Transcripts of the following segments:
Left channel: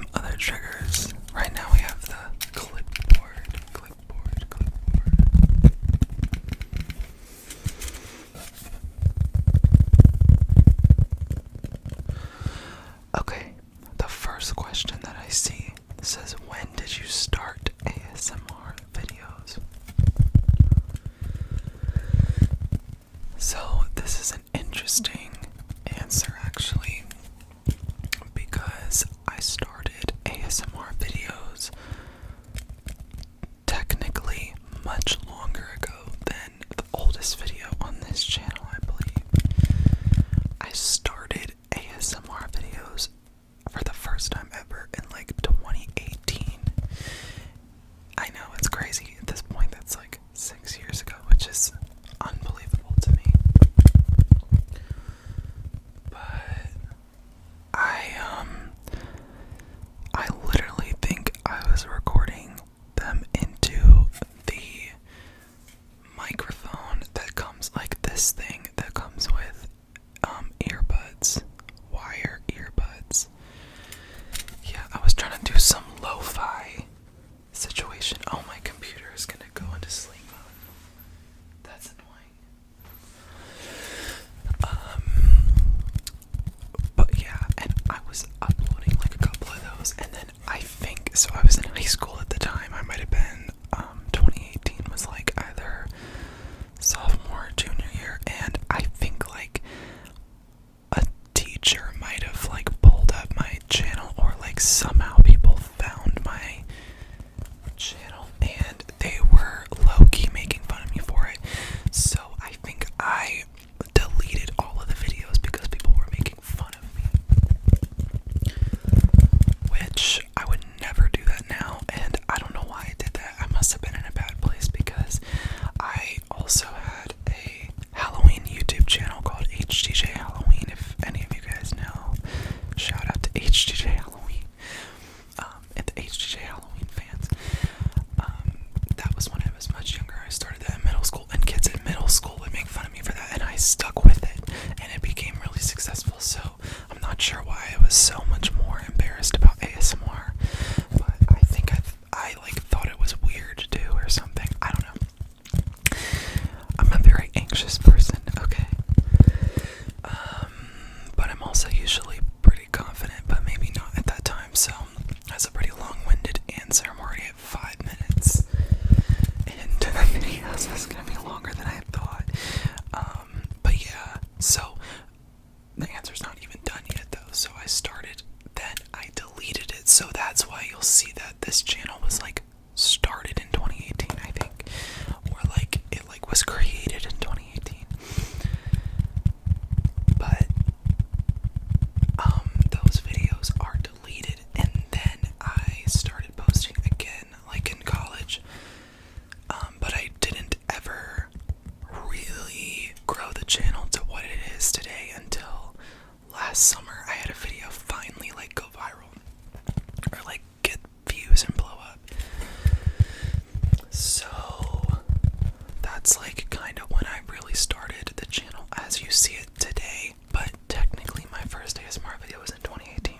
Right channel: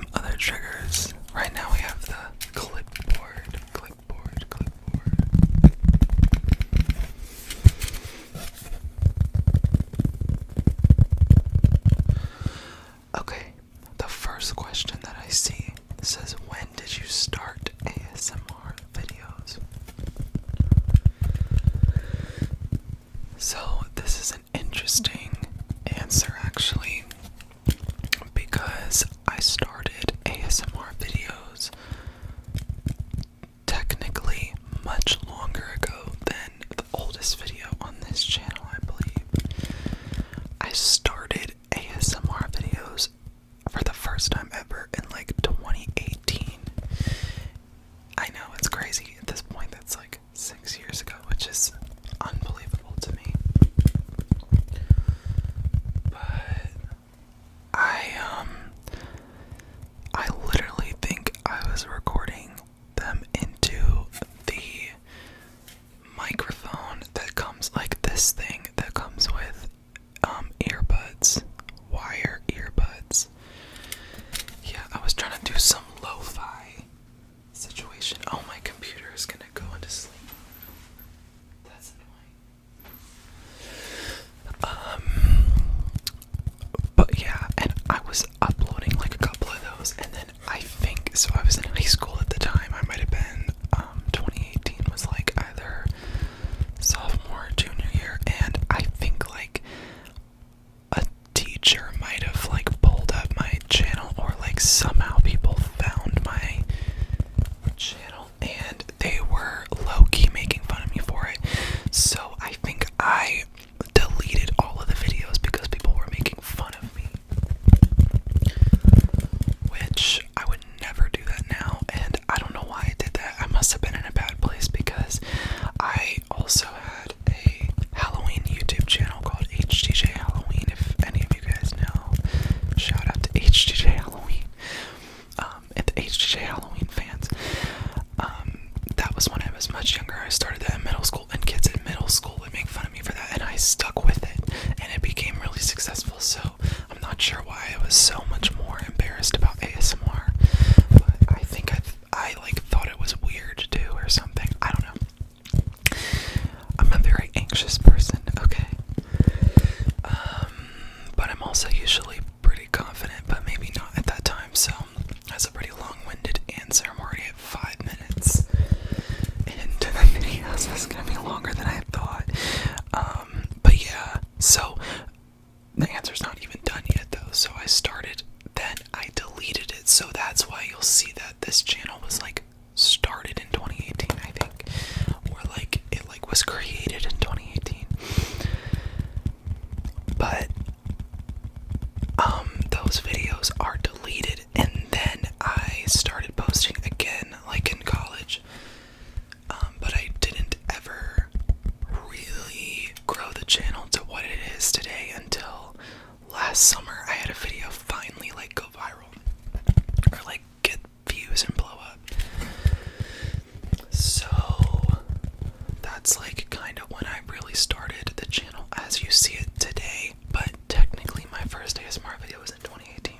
some other triggers. Right now we have the clipboard. Okay, the first question that I see says, when did you start ASMR videos? So this is an interesting answer actually, because I started ASMR videos technically much longer ago than the oldest video on this channel, I believe. I started ASMR videos for the first time ever in like 2018. I know, it's crazy at this point. That's like 6 years ago, which is unbelievable to me. But I literally think I was recording them into the microphone that comes, like this thing that comes with earbuds, wire earbuds. Yeah, I was trying to do some lo-fi situation. Oh, my computer is gonna go into sleep mode. That's annoying. But yeah, and I was uploading like a couple of those, and then I think, so I was in high school at the time. I might have been 2018 was like either sophomore or junior year, and I think like a teacher might have like pulled up my channel, or like somehow people found my channel and they were low-key making fun of me for it. So I think I deleted all of the videos because people were making fun of me, which I would never do that now, and I don't know why I did that. I must have been in a bad place, because I also had a Halloween YouTube channel called HTJ Halloween. If any of you guys know, shout out to HTJ Halloween, and the HTJ Halloween fans. That was when I was much younger. I started that in middle school, and kids in middle school would make fun of me for that, and I stuck with it, and it became really successful. So I'm not sure why I was so much more embarrassed about ASMR, but I think I like thought it was weird to do or something. I don't know. I'm a very anxious person, okay? But I'm also usually pretty confident, but maybe not at that time. So that's a pretty long-winded answer. I'm already at 5 minutes into the video, so it's gonna be longer than I thought. But yeah, so the answer's not even done yet though. So I started, then I deleted it. So that's why you'll see that this channel was like started in 2018, I think, or like it like was created in 2018. But those videos are deleted, and then I started posting again like in college. But I didn't ever really grow the channel to what it is today until last summer. I had a video finally like go viral, or like get views and blow up. So that's like kind of when I really started the channel as you see it today. But technically my first ASMR video was in 2018.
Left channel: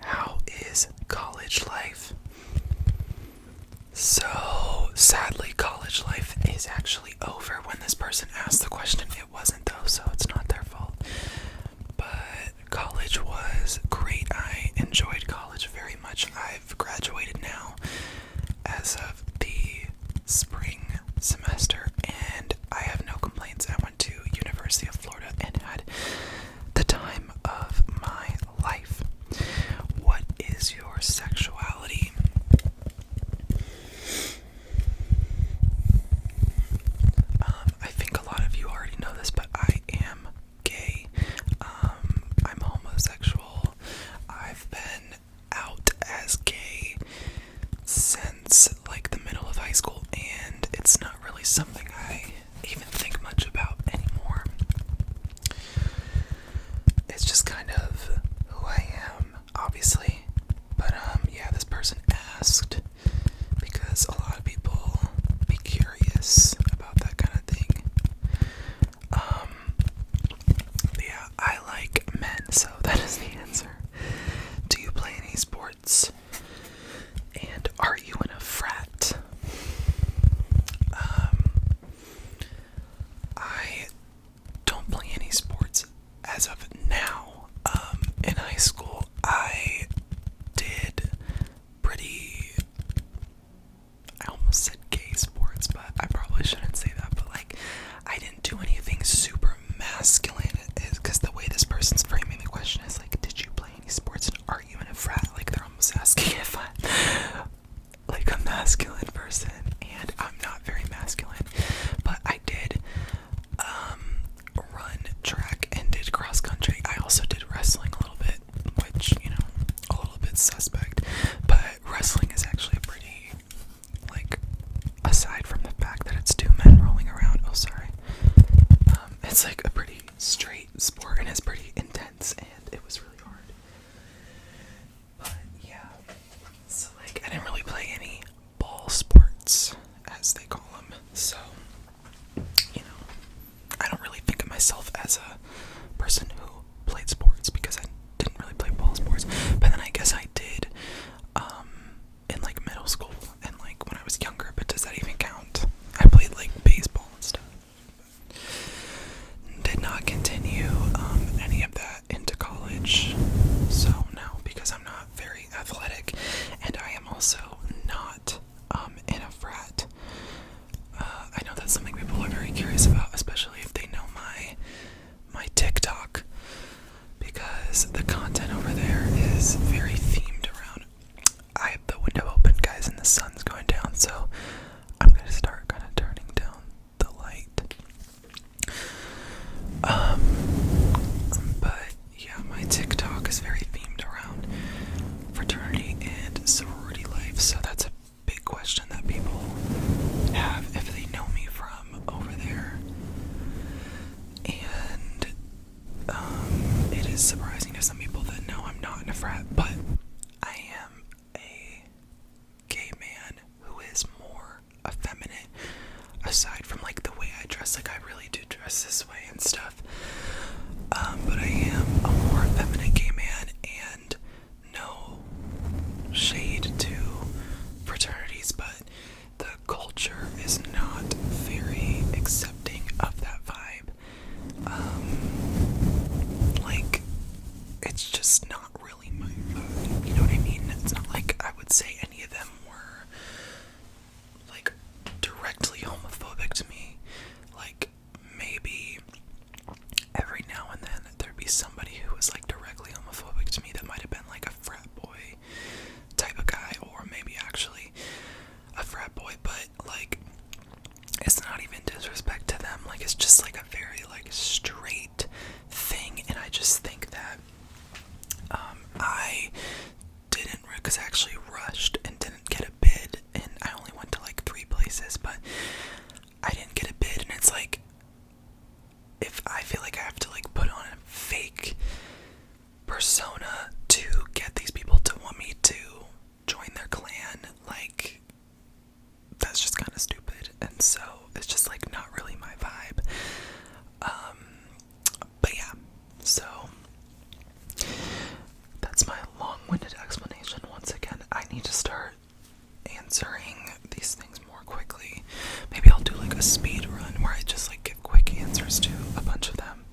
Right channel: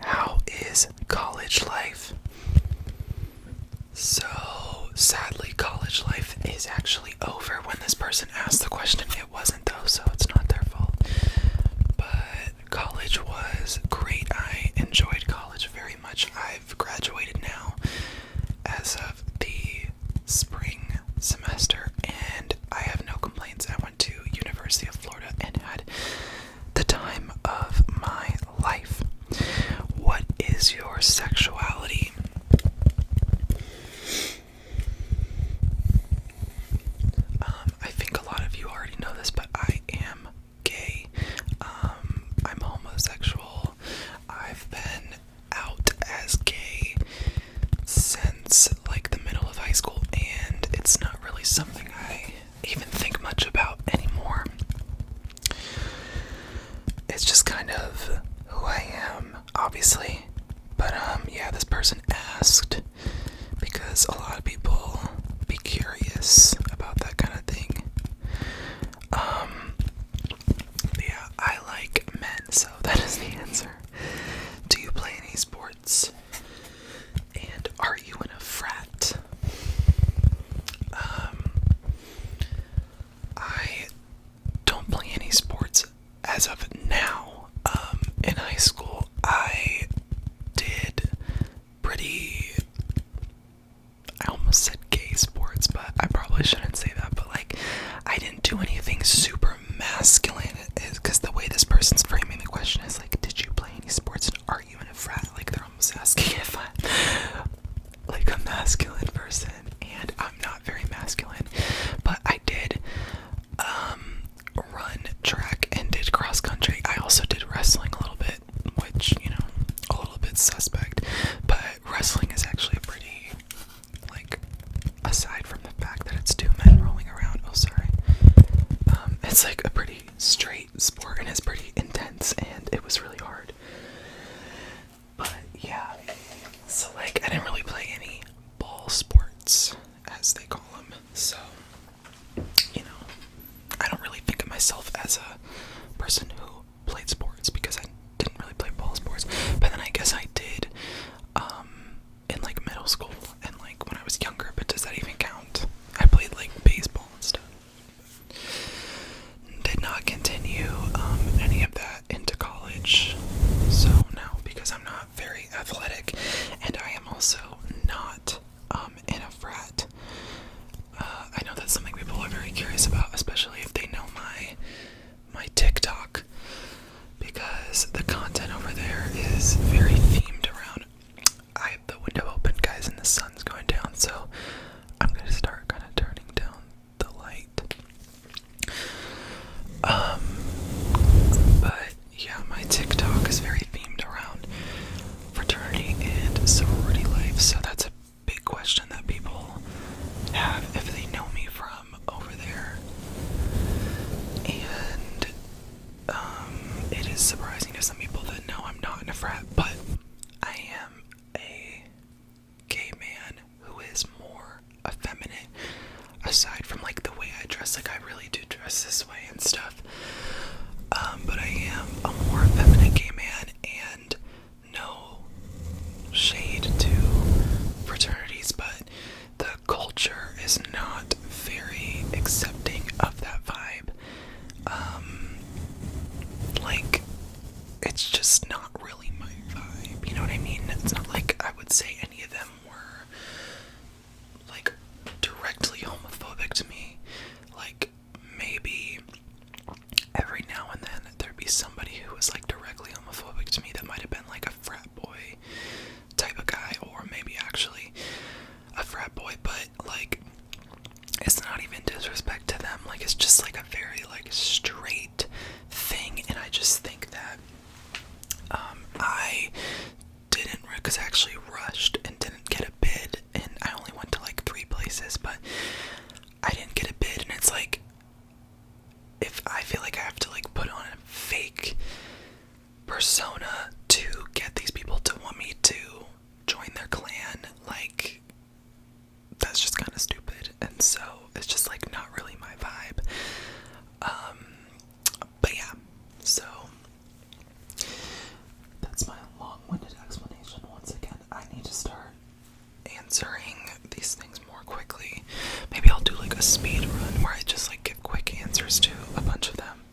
How is college life? So sadly, college life is actually over. When this person asked the question, it wasn't though, so it's not their fault. But college was great. I enjoyed college very much. I've graduated now as of the spring semester, and I have no complaints. I went to University of Florida and had the time of my life. What is your sexuality? I think a lot of you already know this, but I am gay. I'm homosexual. I've been out as gay since like the middle of high school, and it's not really something I even think much about anymore. It's just kind of who I am, obviously. But yeah, this person asked because a lot of people be curious about that kind of thing. Yeah, I like men, so that is the answer suspect. But wrestling is actually a pretty, like, aside from the fact that it's two men rolling around, it's like a pretty straight sport and it's pretty intense, and it was really hard. But yeah, so like I didn't really play any ball sports, as they call them, so you know, I don't really think of myself as a person who played sports because I didn't really play ball sports. But then I guess I did in like middle school and like when I was younger, but does that even count? I played like baseball and stuff. Did not continue any of that into college, so no, because I'm not very athletic, and I am also not in a frat. I know that's something people are very curious about, especially if they know my TikTok, because the content over there is very themed around. I have the window open, guys, and the sun's going down, so I'm gonna start kind of turning down the light. But yeah, my TikTok is very themed around fraternity and sorority life, so that's a big question that people have if they know me from over there. And it is surprising to some people that no, I'm not in a frat, but I am a gay man who is more effeminate, aside from like the way I dress. Like I really do dress this way and stuff, but I am a more effeminate gay man, and no shade to fraternities, but the culture is not very accepting of that vibe. Like it's just not really my vibe, you know what I mean? It's not like I would say any of them were like directly homophobic to me. Like maybe every now and then there'd be somebody who was like directly homophobic to me that might have been like a frat boy type of guy, or maybe actually a frat boy, but like it's not even disrespect to them, like it's just like a very like straight thing. And I just think that I didn't, because I actually rushed and didn't get a bid, and I only went to like 3 places, but I didn't get a bid. And it's like, if I feel like I have to like put on a fake persona to get these people to want me to join their clan, like that's just kind of stupid. And so it's just like not really my vibe. But yeah, so that's my long-winded explanation. Once again, I need to start answering these things more quickly. Maybe I'll do like a speed run where I just like give quick answers to a bunch of them.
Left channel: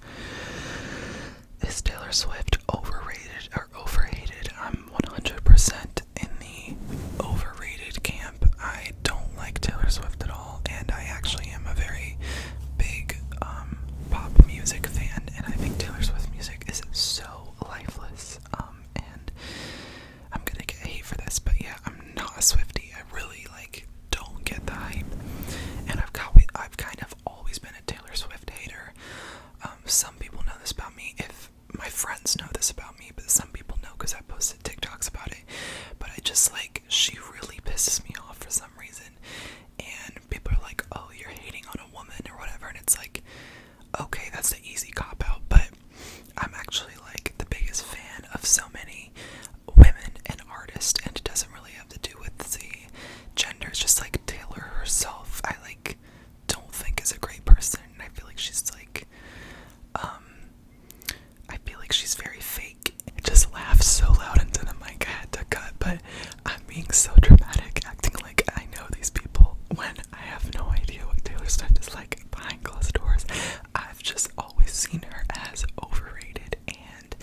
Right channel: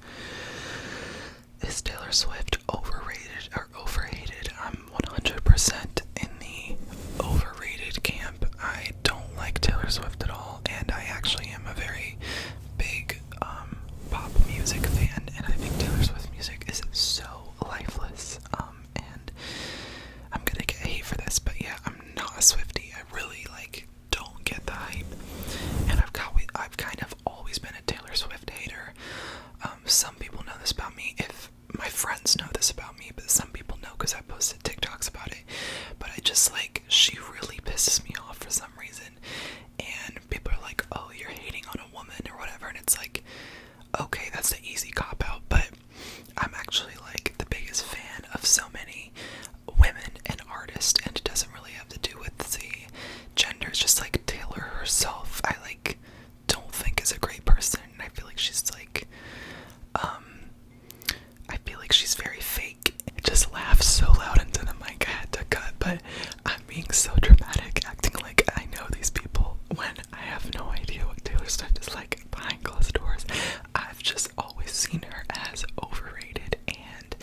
Is Taylor Swift overrated or overhated? I'm 100% in the overrated camp. I don't like Taylor Swift at all, and I actually am a very big pop music fan, and I think Taylor Swift music is so lifeless. And I'm gonna get hate for this, but yeah, I'm not a Swiftie. I really like don't get the hype, and I've kind of always been a Taylor Swift hater. Some people know this about me. If my friends know this about me, but some people know because I posted TikToks about it. But I just like, she really pisses me off for some reason, and people are like, oh, you're hating on a woman or whatever, and it's like, okay, that's the easy cop out, but I'm actually like the biggest fan of so many women and artists, and it doesn't really have to do with the gender. It's just like Taylor herself, I like don't think is a great person. I feel like she's like I feel like she's very fake. It just laughed so loud into the mic I had to cut, but I'm being so dramatic, acting like I know these people when I have no idea what Taylor Swift is like behind closed doors. I've just always seen her as overrated and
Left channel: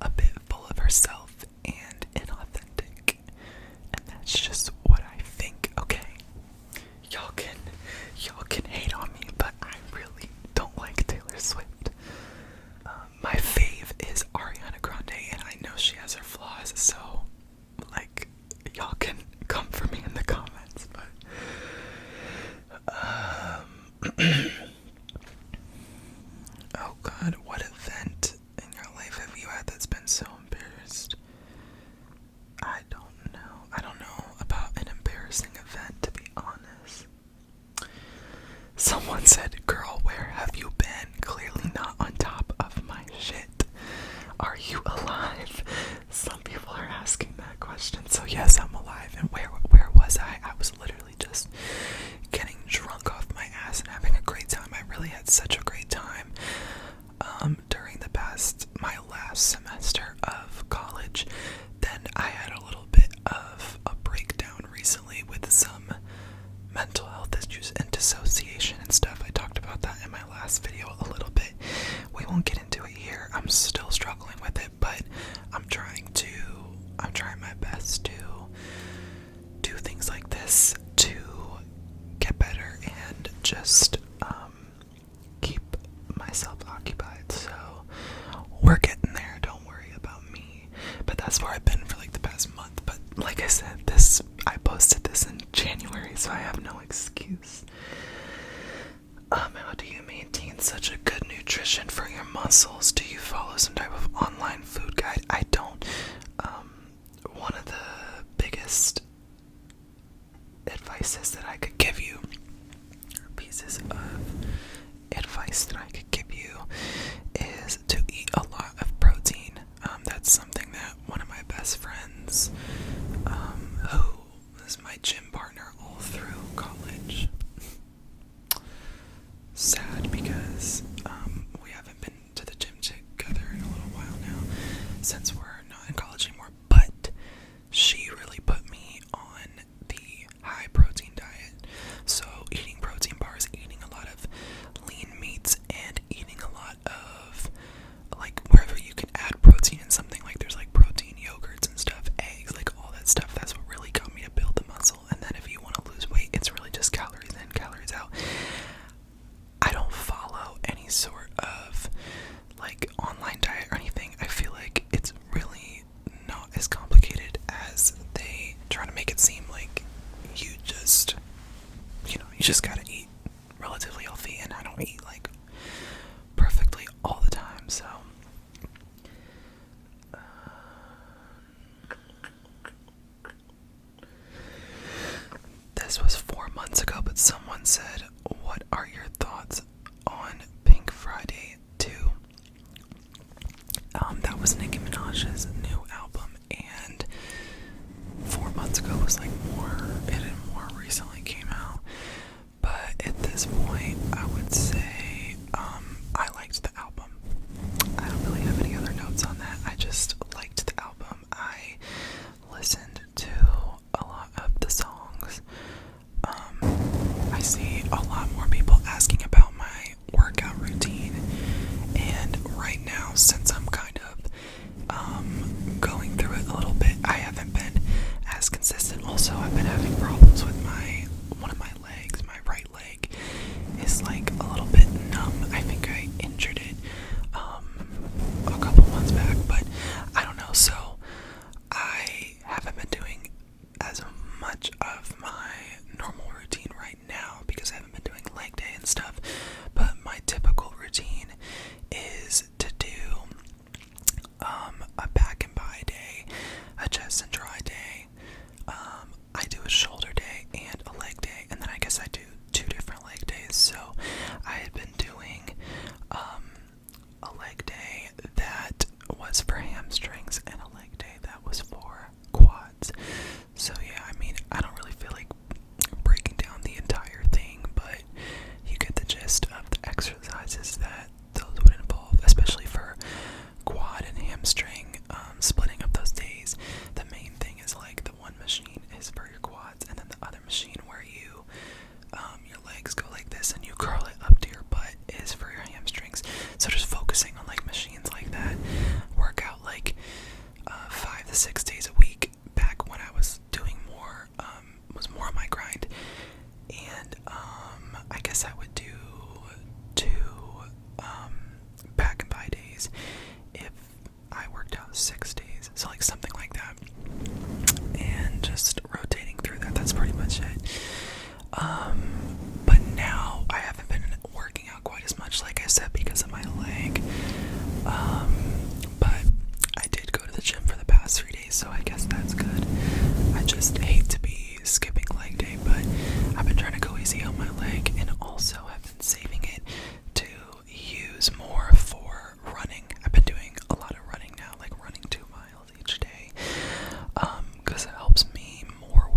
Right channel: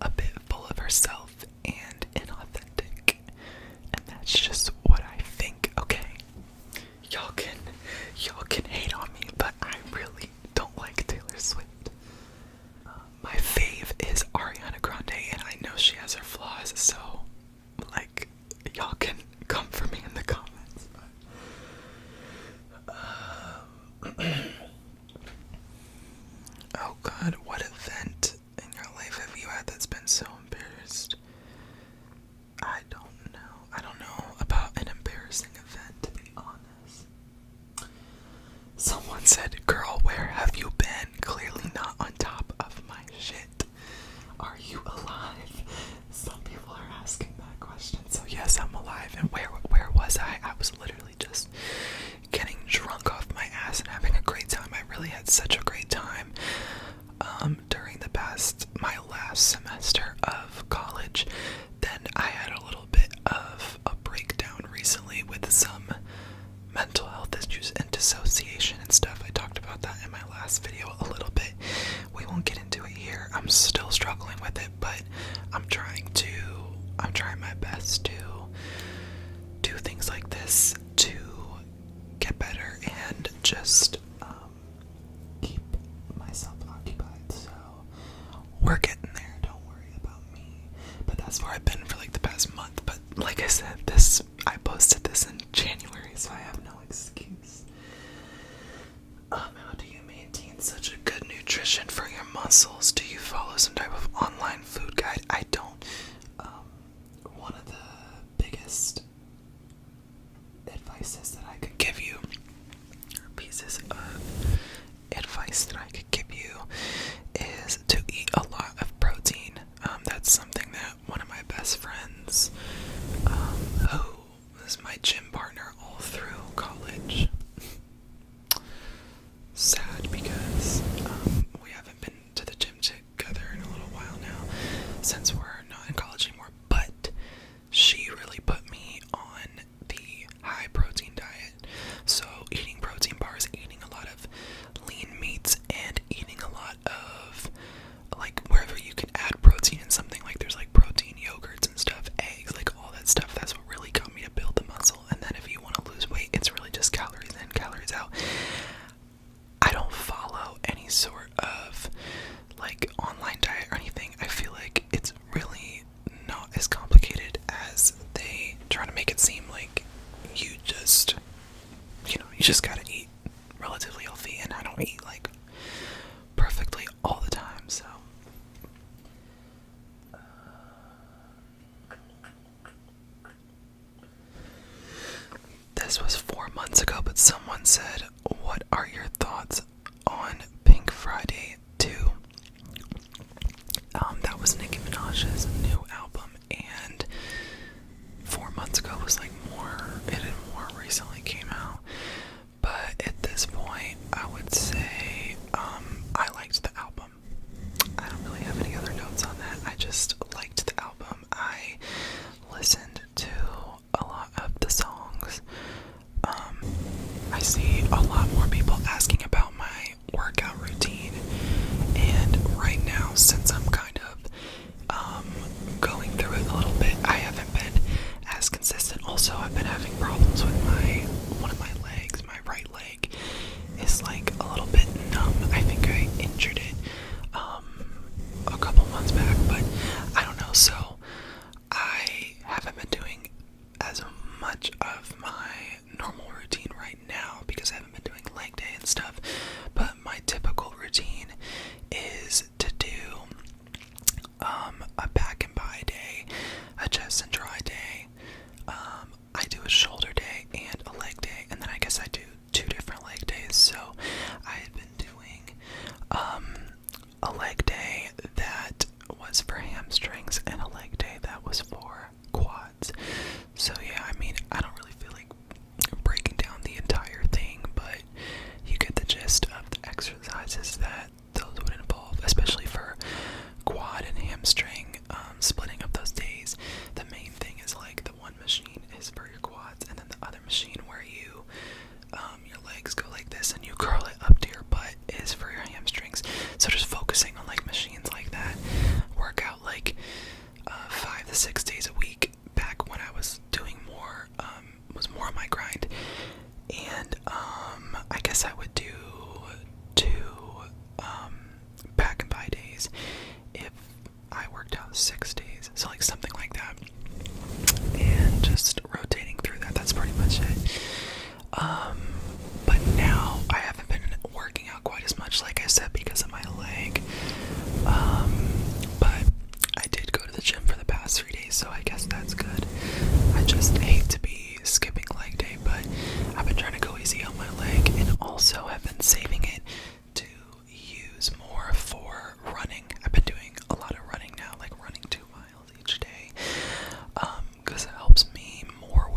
a bit full of herself and inauthentic, and that's just what I think. Okay, y'all can hate on me, but I really don't like Taylor Swift. My fave is Ariana Grande, and I know she has her flaws, so like y'all can And where was I? I was literally just getting drunk off my ass and having a great time. I really had such a great time during my last semester of college. Then I had a little bit of a breakdown recently with some mental health issues and dissociation and stuff. I talked about that in my last video a little bit. We won't get into it here. I'm still struggling with it, but I'm trying my best to do things like this to get better and just keep myself occupied. So we're getting there. Don't worry about me. But that's where I've been for like the past month. But like I said, I posted this in January, so I have no excuse. How do you maintain such a good nutrition for your muscles? Do you follow some type of online food guide? I don't. One of the biggest advices that I could give you, or pieces of advice that I could give you, is to eat a lot of protein. That's something that one of my best friends, who was my gym partner all through college, sad because we haven't been to the gym together in a little while now, since we're not in college anymore, but she really put me on the high protein diet. So eating protein bars, eating a lot of lean meats, and eating a lot of, like, wherever you can add protein in something, like there's like protein yogurts and stuff, eggs, like all that stuff. That's what really got me to build the muscle. And then if you want to lose weight, it's really just calories in, calories out. I don't follow any sort of like online diet or anything. I feel like it's really not as complicated as they try to make it seem. Like you just gotta eat relatively healthy, and I don't eat like perfectly all the time, so this was 4 months ago, but someone said, what are your thoughts on Pink Friday 2? That was Nicki Minaj's new album, and 4 months ago was like it had more recently came out. But at this point, I would say I liked the album. I don't really have any other notes on that. I just liked the album. I listened to a lot of the songs. I see a lot more people asking about my workout routine, and right now, since I'm kind of going through it a little bit, I haven't been as consistent. Also, I've been having problems with one of my legs. My right leg is like a little bit numb. I think I injured it a couple months back, but I don't know. So I haven't been doing as much of my normal routine right now because I haven't been doing leg day and stuff. But my typical routine is to do a back and bi day, a chest and dry day. I do a shoulder day and a leg day, and then I guess I do 2 different leg days. So I had been doing a leg day that was for hamstrings and a leg day that was for quads. So yeah, I mean, I don't really feel like breaking down the entire thing, but you get the gist of the exercises that those would involve, especially for quad and hamstring. Splitting up those days, the main thing is like the one machine is for your quads, and then the other machine where you your legs go like this and you curl it up to your butt is for your hamstrings. So just focusing on like machines like that, work out like 5 to 6 days a week. Back when I was doing more, was more on my grind, and I guess I would do 2 back and bi days if I worked out 6 days, so like something like that, and just rotating through that. That's pretty much it. But now I haven't been working out quite as much, like I said, because of my leg. But I did go to the gym for the past 3 days, so I guess that's good. I just hate to be skipping leg day, but I've been trying to go easy on my leg, and also have been saving it to use more for running. I've been doing a lot of running now, like running 2 miles each day, because it helps me more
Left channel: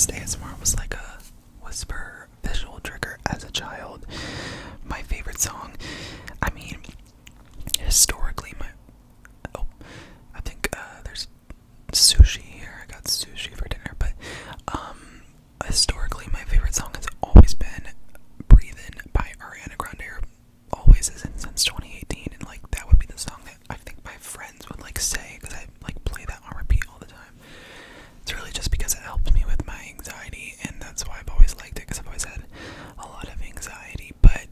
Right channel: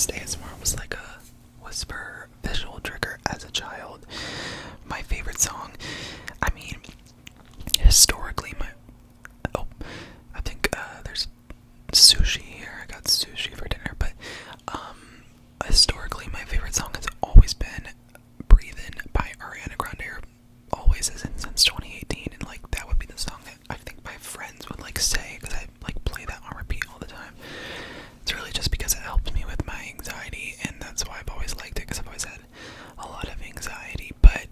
first ASMR was like a whisper visual trigger as a child. My favorite song, I mean, historically, I think there's sushi here. I got sushi for dinner, but historically, my favorite song has always been "Breathin'" by Ariana Grande. Or always has been since 2018, and like that would be the song that I think my friends would like say because I like play that on repeat all the time. It's really just because it helped me with my anxiety, and that's why I've always liked it, because I've always had a lot of anxiety. But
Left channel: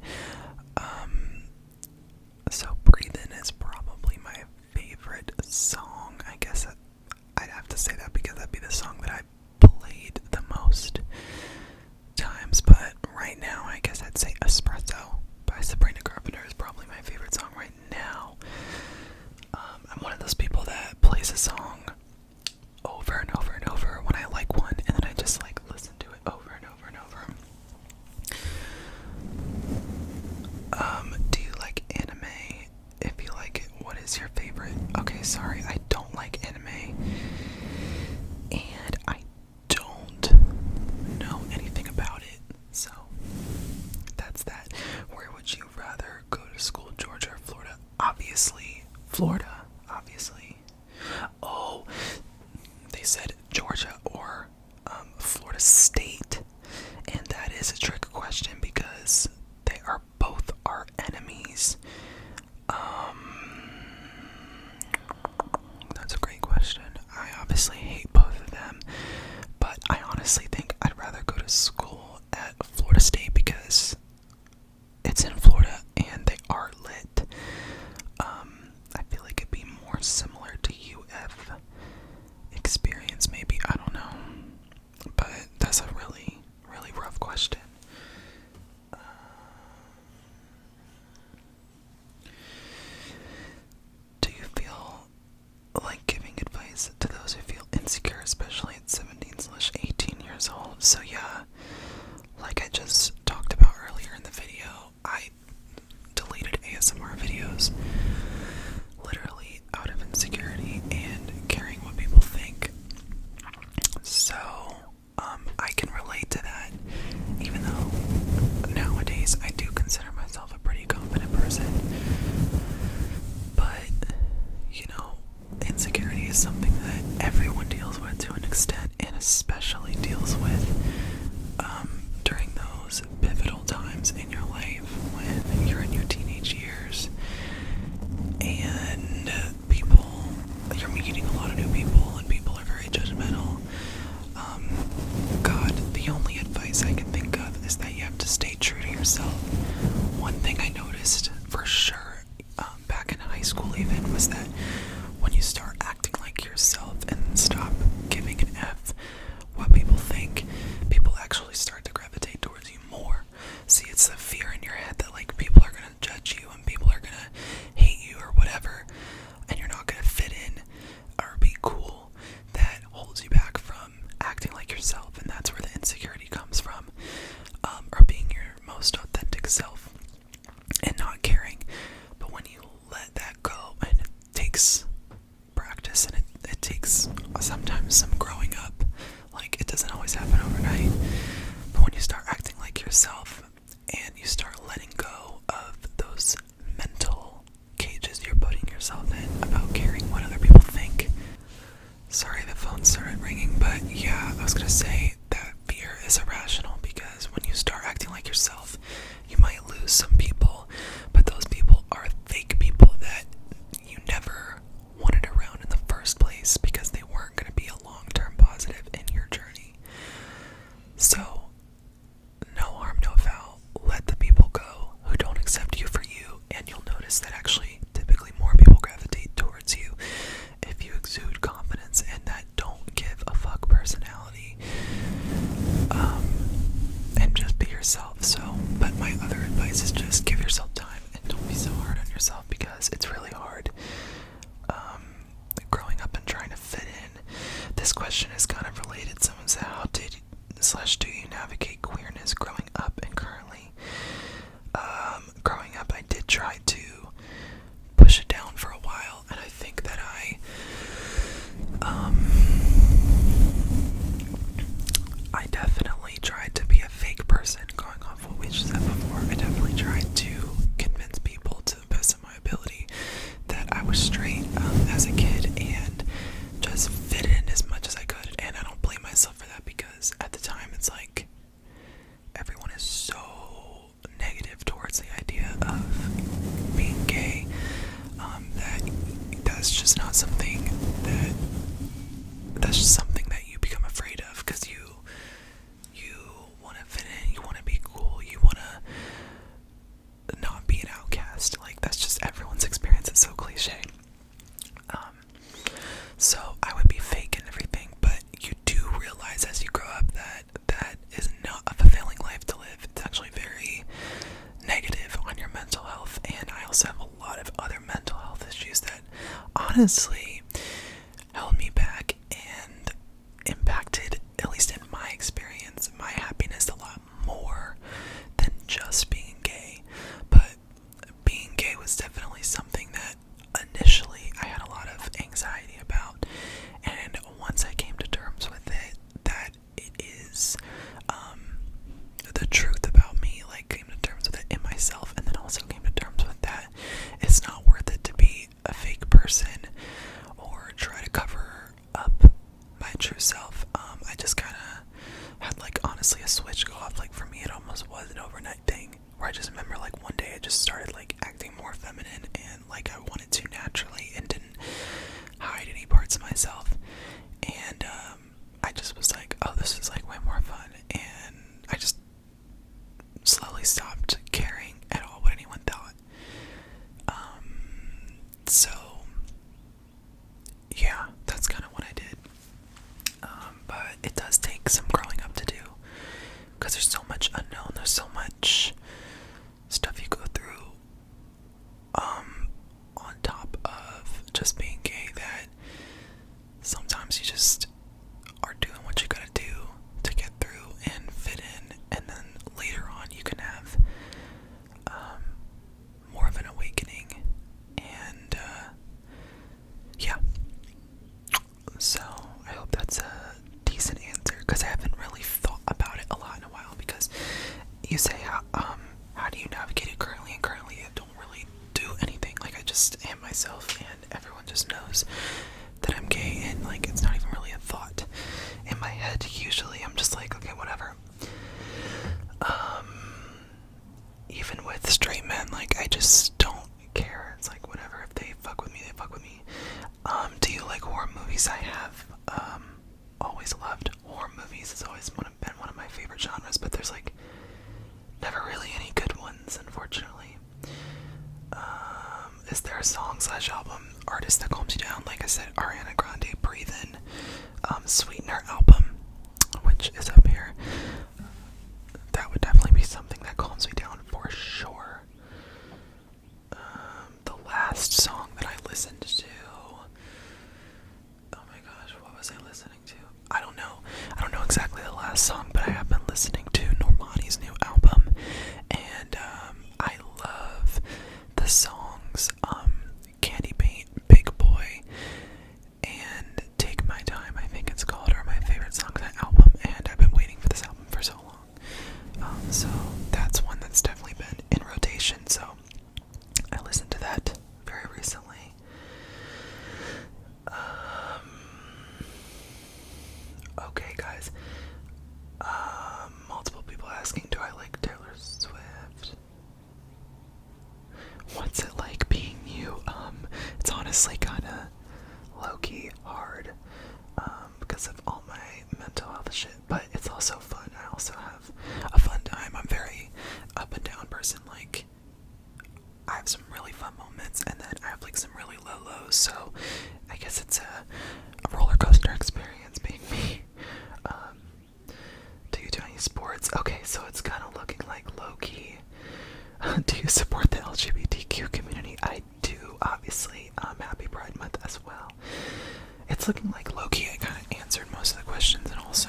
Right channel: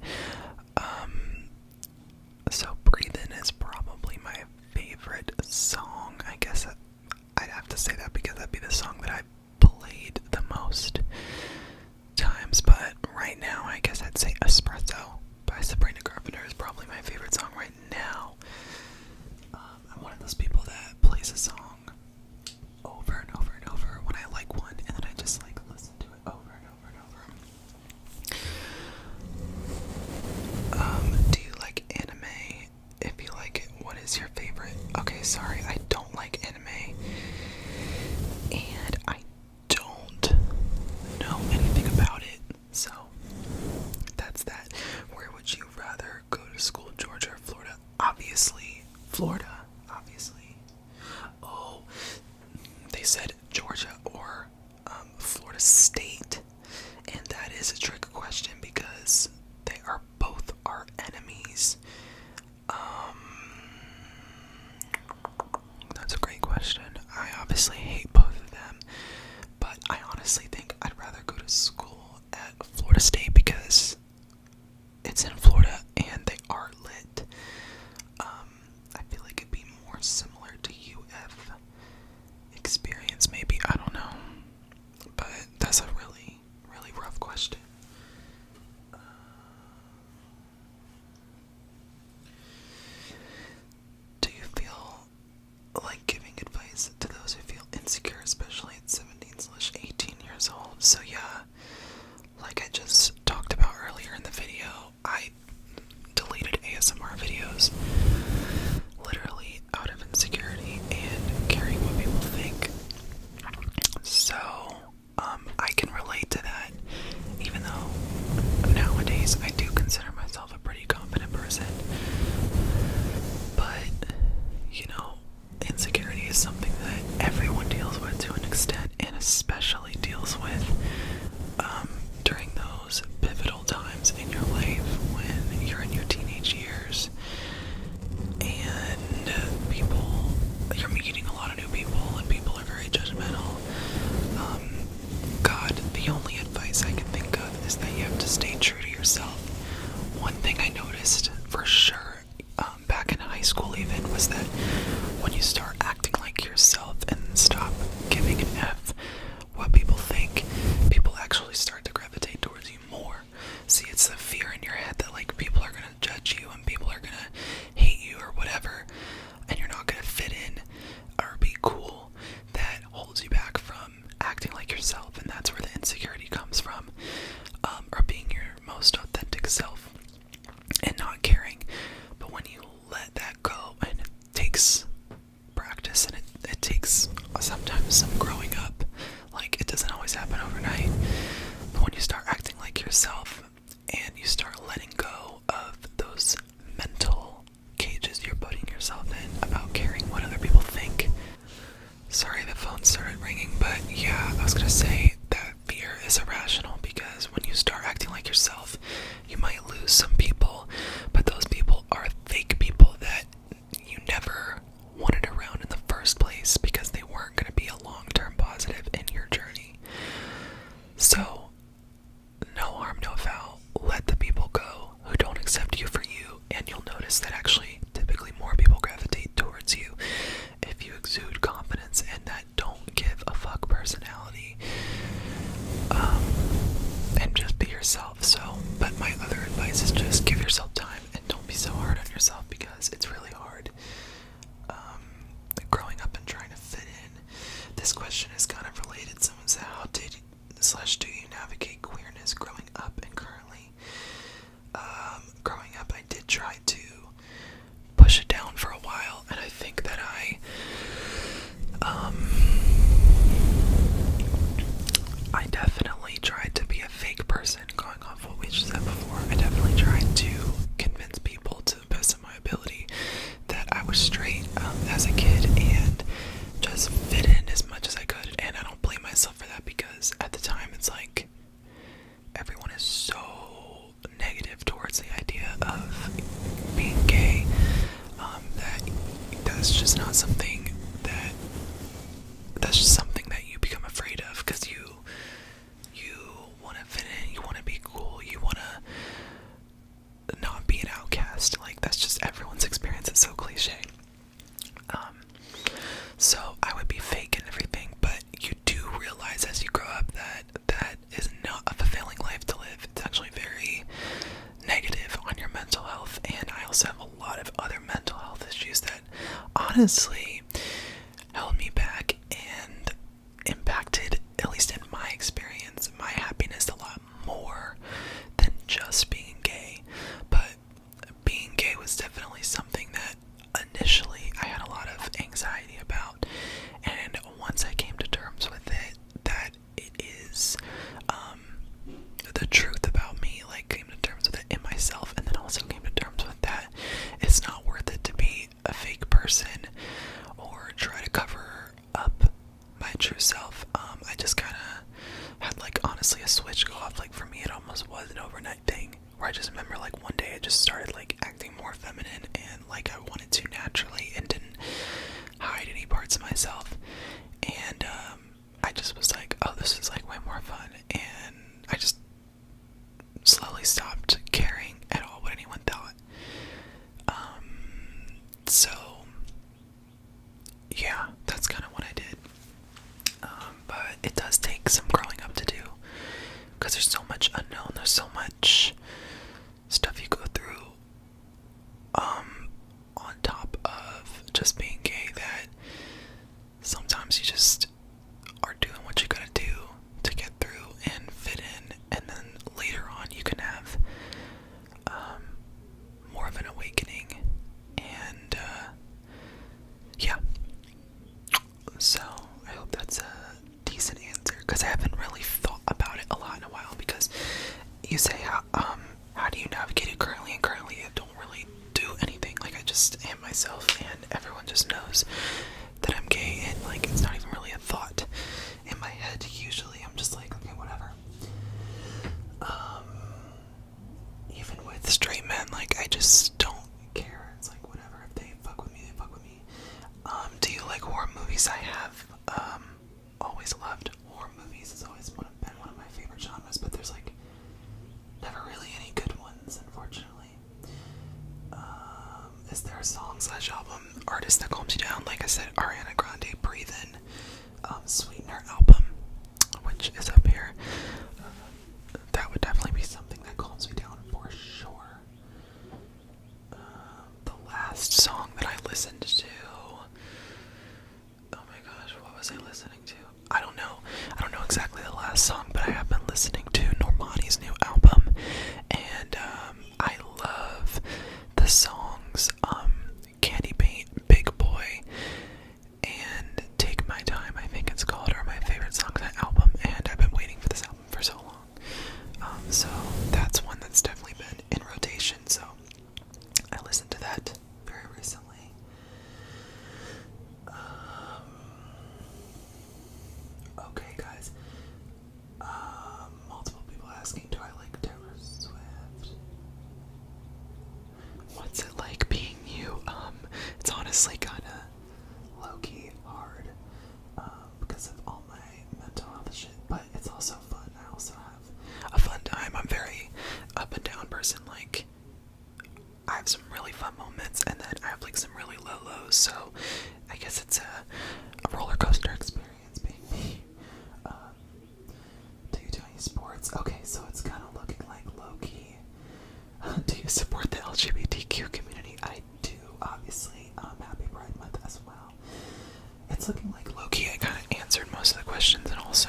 so "Breathin'" is probably my favorite song. I guess I'd have to say that because that'd be the song that I played the most times. But right now, I guess I'd say "Espresso" by Sabrina Carpenter is probably my favorite song right now. I'm one of those people that plays a song over and over and over when I like one, and then I just like listen to it over and over and over. Do you like anime? If you like it, what is your favorite? Okay, sorry, I don't like anime, and I don't know anything about it, so that's that. Where would you rather go to school, Georgia or Florida? Obviously, Florida, obviously. Oh, they said Georgia or Florida State, and that is a trick question because they are both our enemies. That's a great question. I obviously hate both of them, but I honestly think I'd rather go to school at Florida State because it's in Florida and they are lit. I feel like it'd be more similar to UF experience, maybe. I don't know, but that's a really, really rough question. Do you feel like giving advice to those who feel insecure, especially at 17/18 years old? So yeah, like I just talked about earlier in the video, I deleted ASMR videos literally out of insecurity and caring what people think. So I can relate to that, even though nowadays I do consider myself a pretty confident person. But you know, insecurity is something that everyone deals with to an extent, and especially deals with during those pivotal times in your life when you're in your teenage years and you're meeting a lot of new people and people are very judgmental. God, the only advice I can think of is that you have to stay true to yourself. One thing I noticed for sure back in high school even was that when you start acting like yourself and stop giving an F what people think, people actually start to gravitate towards you more. See, it's the fear in your head that like people are gonna judge you and people are gonna hate you or whatever, and you're not gonna fit in or be cool, that holds you back from acting like yourself, and that's where the insecurity comes from, or being your most authentic self and not caring. But when you let that go, and it takes practice and it takes sometimes some growing up, like it doesn't always happen overnight, but when you start acting like yourself and you start letting go of those mental cages you're putting yourself in about caring what other people think. Sorry, the phone started ringing, but yeah, I was gonna say that fear is irrational because when you start acting like yourself, you might lose some people, but those people are fake people that you never wanted around in the first place because they weren't gonna be a long-term positive in your journey. So, no harm, no foul. Let the people go who don't accept you for you, and you'll notice that actually typically more people gravitate towards you if you exude confidence and that don't give a fuck personality, and just be yourself. So, but my other advice is just give yourself time and don't be so hard on yourself because it's really hard growing up and trying to fit in. This question is kind of related. Someone said, how did / do you navigate queerness growing up and currently? Growing up, I did try to push it down for a while, and I think that I honestly held me back and impacted, at least in my experience, my happiness a lot more than just being gay. But being gay was definitely something that initially I had a lot of anxiety about, and once I came to terms with it, that it is the truth about me, like came to terms with it in myself, and then also came to terms with that it's not worth it to be a fake person or try to cover up my true self. I just kind of had, like, honestly a switch go off. Like, for me it almost was an overnight thing where I just remember, like, one day I just started, like, acting more feminine and like I wanted to naturally and didn't hide any parts of myself. And I just was like, oh, this is like way more fun, and I just slowly stopped caring at all what anyone thought. So yeah, that's kind of what I did. But it does take some growing up to do, because there's so much unknown, there's so much stuff you go through on top of just being gay, that sometimes you just are doing what you gotta do to get through and fit in, and then later on you can have more of an awakening. And yeah, so I hope that's a decent answer, because I haven't really thought about it a lot in a while. Because you say how do you navigate it currently, and currently I don't really do anything. Like, I just am myself, and everyone just knows that I'm gay, and like it's not even really a thought in my head. Usually I'm just like, okay, whatever. Even with straight men, like, I just don't care. It's like, whatever, if they fuck with me, they fuck with me. Do you like horror movies? I have always loved horror movies. It's always been one of my favorite genres, but there's like never really any good ones, unfortunately. Is there a song/album artist that calms you down? Like I said, Ariana Grande, Breathe In, Sweetener album, which is up here. That would definitely be something that calms me down for sure. The last song that I listened to, oh my gosh, what was I listening to? I don't know exactly the last song, but I have been listening to Normani's new album, and I love the songs Candy Paint, Big Boy, and Take My Time, I think it's called, are my favorite songs on that album, and I've been waiting for this album for so long. So that's one that's definitely been in rotation, so I listened to that very recently. Okay, guys. Multiple people asking, do I like Taylor Swift? What's it like being you? It's honestly kinda low-key hard, because of all my mental health shit, but it's also fun. I also have a fun time. I'm very up and down person. Like, I have some really fun moments, and then I have like some really low lows, so I guess it's a roller coaster experience being me. Do you do any sports? Okay, so it's kind of looking like low-key. Do you support the LGBTQ community? I do, obviously. Happy Pride Month as well. It's looking like low-key I kind of answered most of the questions, and also